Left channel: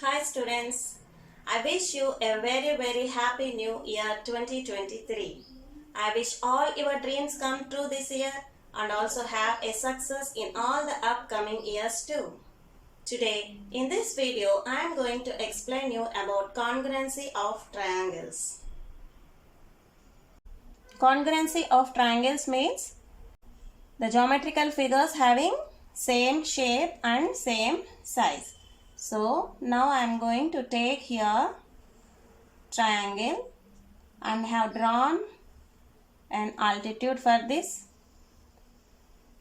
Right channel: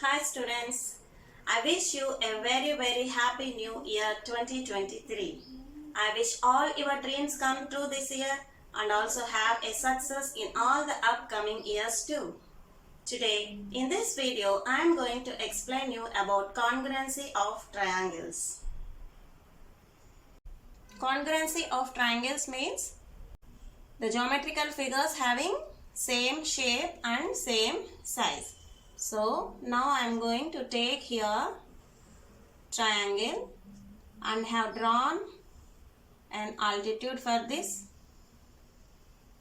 Hi students, I wish you a very happy new year 2023. I wish all your dreams come true this year and also have a success in all the upcoming years too. Today in this video I am going to explain you about congruency of triangles. Congruency of triangles means the geometrical figures having same shape and same size. So now I am going to take here triangle and have drawn an altitude for this.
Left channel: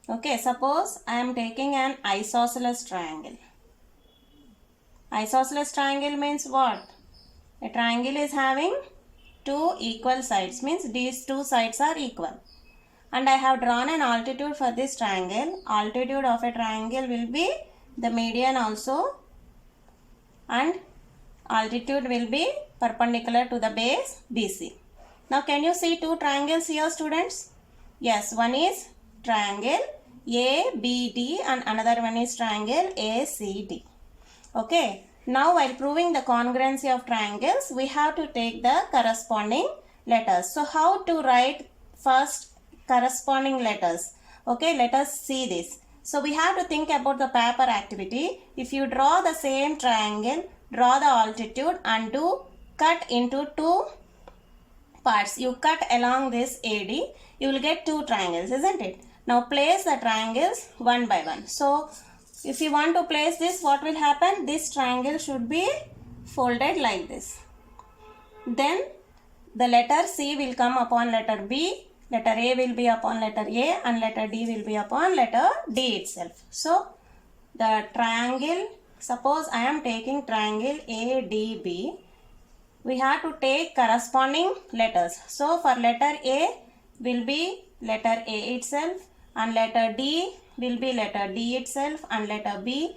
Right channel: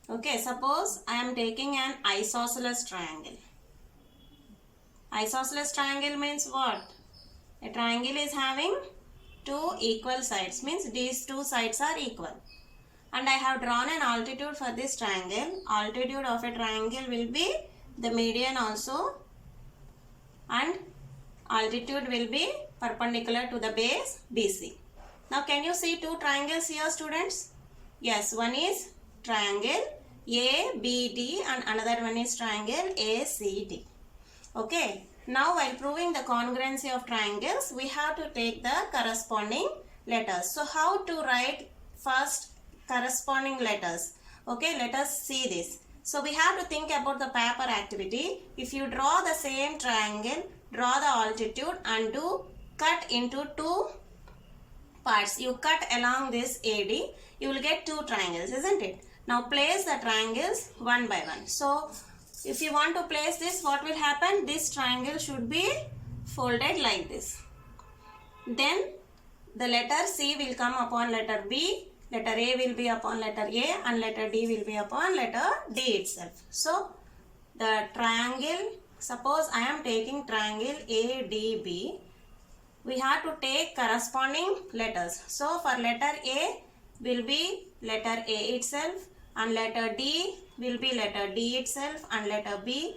Okay, suppose I am taking an isosceles triangle. Isosceles triangle means what? A triangle is having two equal sides, means these two sides are equal. And I have drawn an altitude for this triangle. Altitude of a triangle will be the median also, and altitude will be perpendicular to the base BC. Now can you see two triangles here, students? Yes, one is triangle ABD and another one is triangle ACD. Okay, now while proving the congruency of triangles, we have to take the corresponding letters. So how to write first corresponding letters? Okay, let us see this. So we have to think about the paper activity. If you draw the same triangle, draw the altitude and do cut into two parts. You cut along this AD, you will get two triangles, isn't it? Now place the triangles one by one. So if you want to place this, what will happen? This triangle should be folded like this. Then the letter C will come upon letter B. Letter A will be upon letter A and letter D will be upon letter D itself. So, the triangle, suppose I am taking triangle ADB, we have to take corresponding letters. So, for letter A will be letter A itself and letter D will be letter D itself and letter B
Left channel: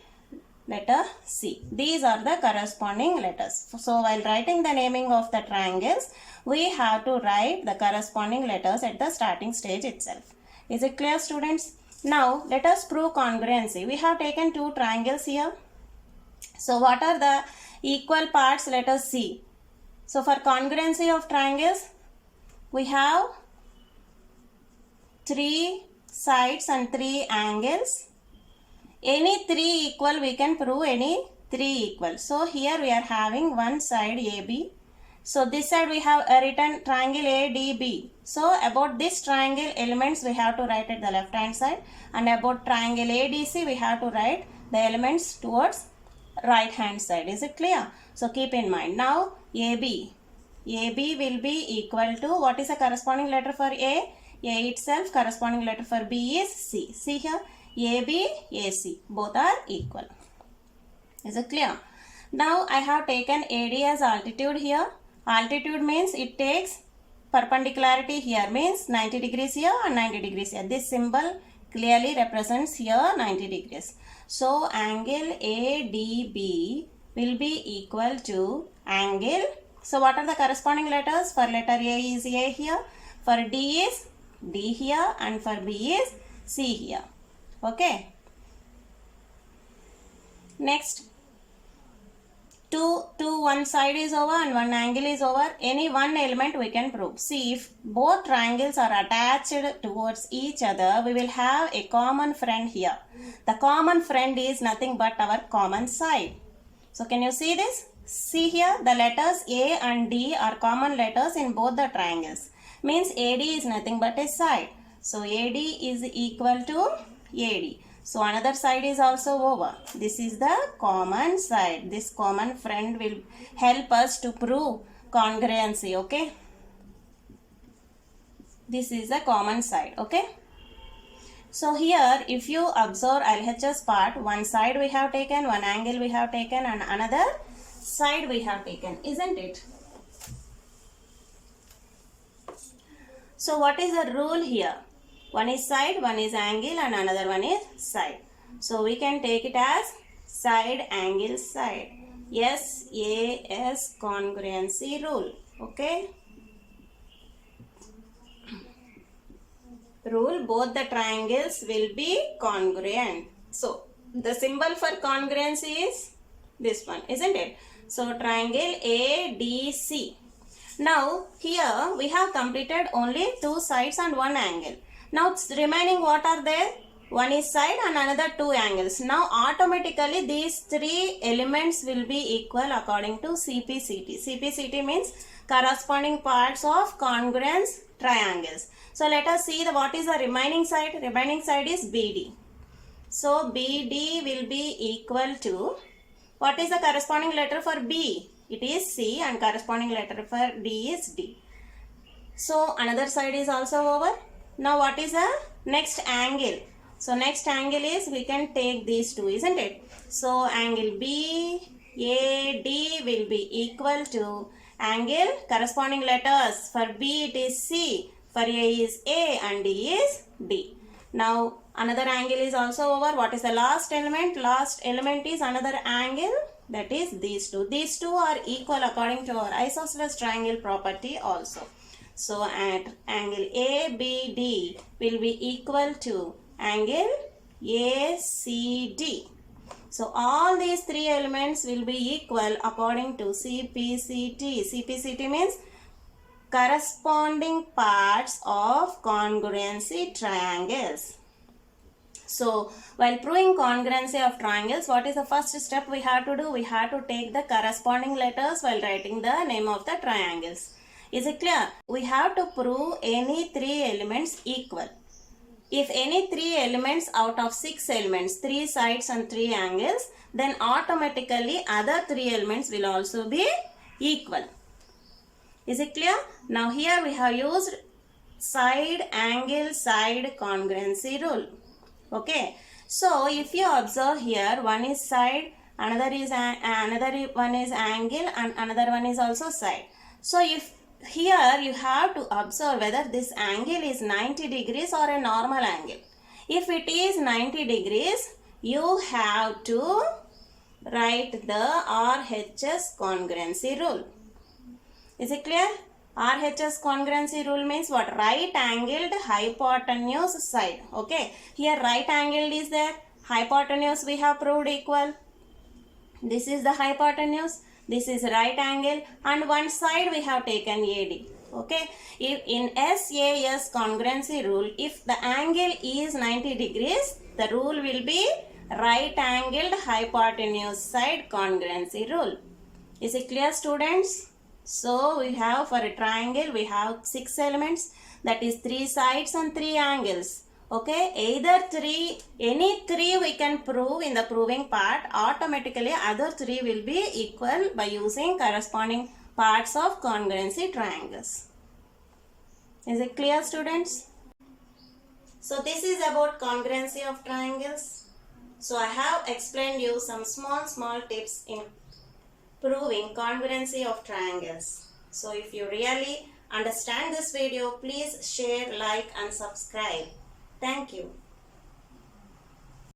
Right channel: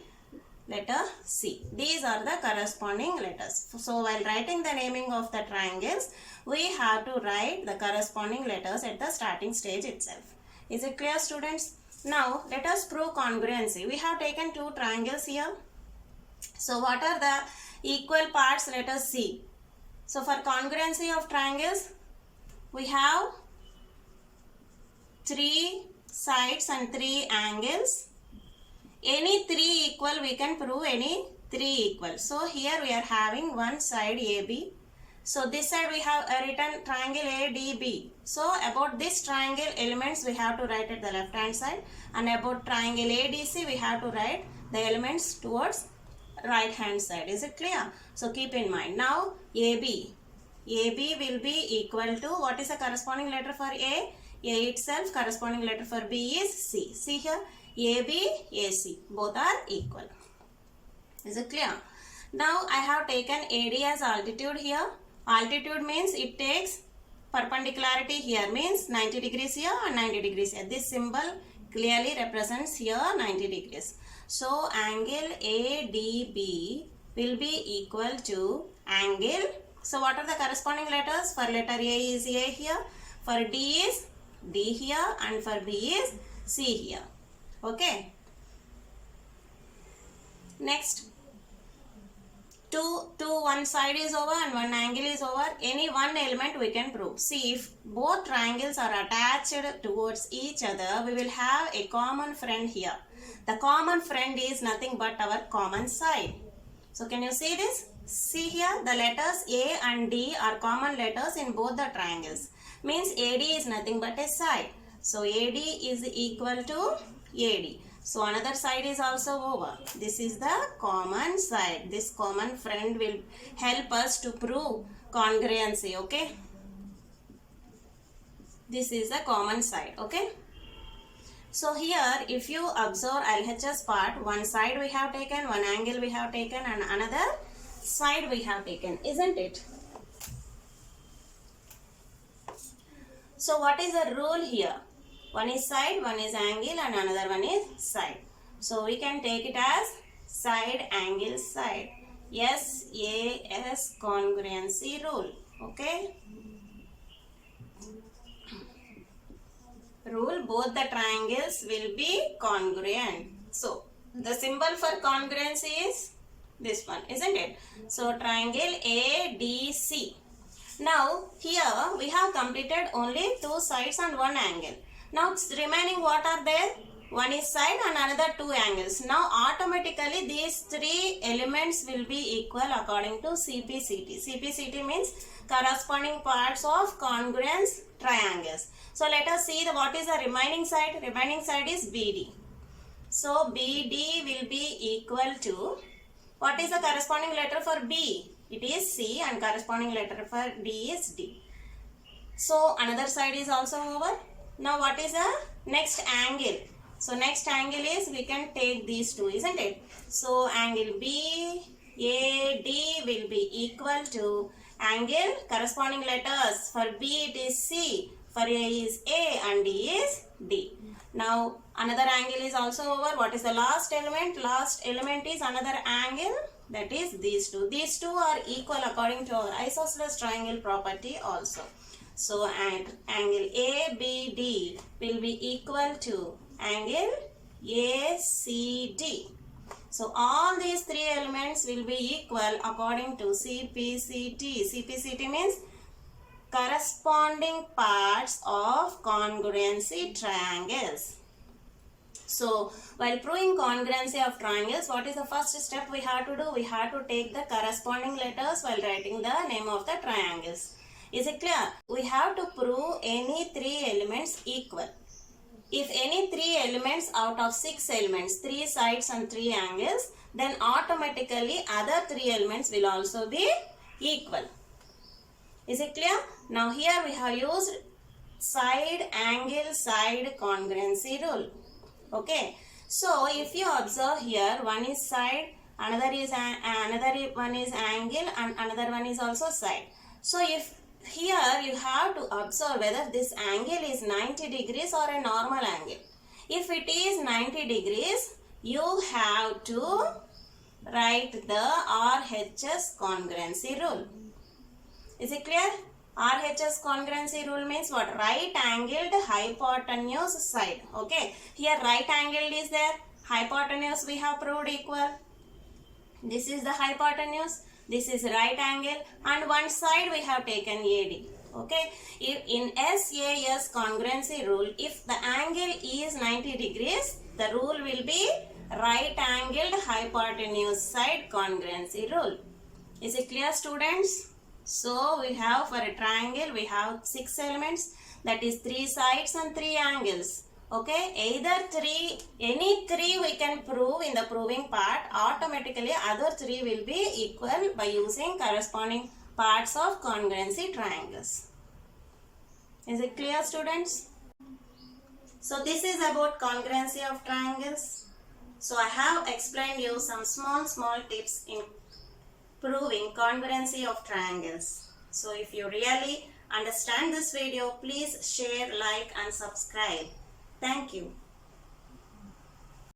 letter C. These are the corresponding letters. So while writing the naming of the triangles, we have to write the corresponding letters at the starting stage itself. Is it clear, students? Now let us prove congruency. We have taken two triangles here. So what are the equal parts? Let us see. So for congruency of triangles, we have three sides and three angles. Any three equal, we can prove any three equal. So here we are having one side AB. So this side we have written triangle ADB. So about this triangle elements we have to write at the left hand side, and about triangle ADC we have to write the elements towards right hand side. Is it clear? So keep in mind. Now AB will be equal to, what is the corresponding letter for A? A itself. Corresponding letter for B is C. See here, AB, AC, both are equal. Is it clear? Now I have taken AD as altitude here. Altitude means it takes perpendicularity here, means 90 degrees here and 90 degrees here. This symbol clearly represents here 90 degrees. So angle ADB will be equal to angle. So what are the corresponding letters? For letter A is A here, for D is D here, and for B is C here. Okay. Next, one side is over and one angle is over. Any one element we can prove. See, if both triangles are attached towards each other, we will have a common friend here. The common friend is nothing but our common side. So can you see this? See here, the letters A and D are common letters in both the triangles. Means AD is nothing but a side. So AD is equal to AD. So another side is also over. This is the common side. This common friend will help us to prove congruency. Okay. This is the common side. Okay. So here if you observe LHS part, one side we have taken, one angle we have taken, and another side we have taken. Isn't it? So what is the rule here? One is side, one is angle, and another one is side. So we can take it as side, angle, side. SAS congruency rule. Okay. Rule, both the triangles will be congruent. So the symbol for congruency is this one, isn't it? So triangle ADC. Now here we have completed only 2 sides and 1 angle. Now remaining what are there? One is side and another 2 angles. Now automatically these 3 elements will be equal according to CPCT. CPCT means corresponding parts of congruence triangles. So let us see what is the remaining side. Remaining side is BD. So BD will be equal to, what is the corresponding letter for B? It is C, and corresponding letter for D is D. So another side is also over. Now what is the next angle? So next angle is, we can take these two, isn't it? So angle BAD will be equal to angle, corresponding letters. For B it is C, for A is A, and D is D. Now another angle is also over. What is the last element? Last element is another angle, that is these two. These two are equal according to our isosceles triangle property also. So at angle ABD will be equal to angle ACD. So all these 3 elements will be equal according to CPCT. CPCT means corresponding parts of congruency triangles. So while proving congruency of triangles, what is the first step we have to do? We have to take the corresponding letters while writing the name of the triangles. Is it clear? We have to prove any 3 elements equal. If any 3 elements out of 6 elements, 3 sides and 3 angles, then automatically other 3 elements will also be equal. Is it clear? Now here we have used side angle side congruency rule. Okay. So if you observe here, one is side, another one is angle, and another one is also side. So if here you have to observe whether this angle is 90 degrees or a normal angle. If it is 90 degrees, you have to write the RHS congruency rule. Is it clear? RHS congruency rule means what? Right angled hypotenuse side. Okay. Here right angled is there. Hypotenuse we have proved equal. This is the hypotenuse. This is right angle, and one side we have taken AD. Okay. If in SAS congruency rule, if the angle is 90 degrees, the rule will be right angled hypotenuse side congruency rule. Is it clear, students? So we have, for a triangle we have 6 elements, that is 3 sides and 3 angles. Okay, any 3 we can prove in the proving part. Automatically other 3 will be equal by using corresponding parts of congruency triangles. Is it clear, students? So this is about congruency of triangles. So I have explained you some small tips in proving congruency of triangles. So if you really understand this video, please share, like and subscribe. Thank you.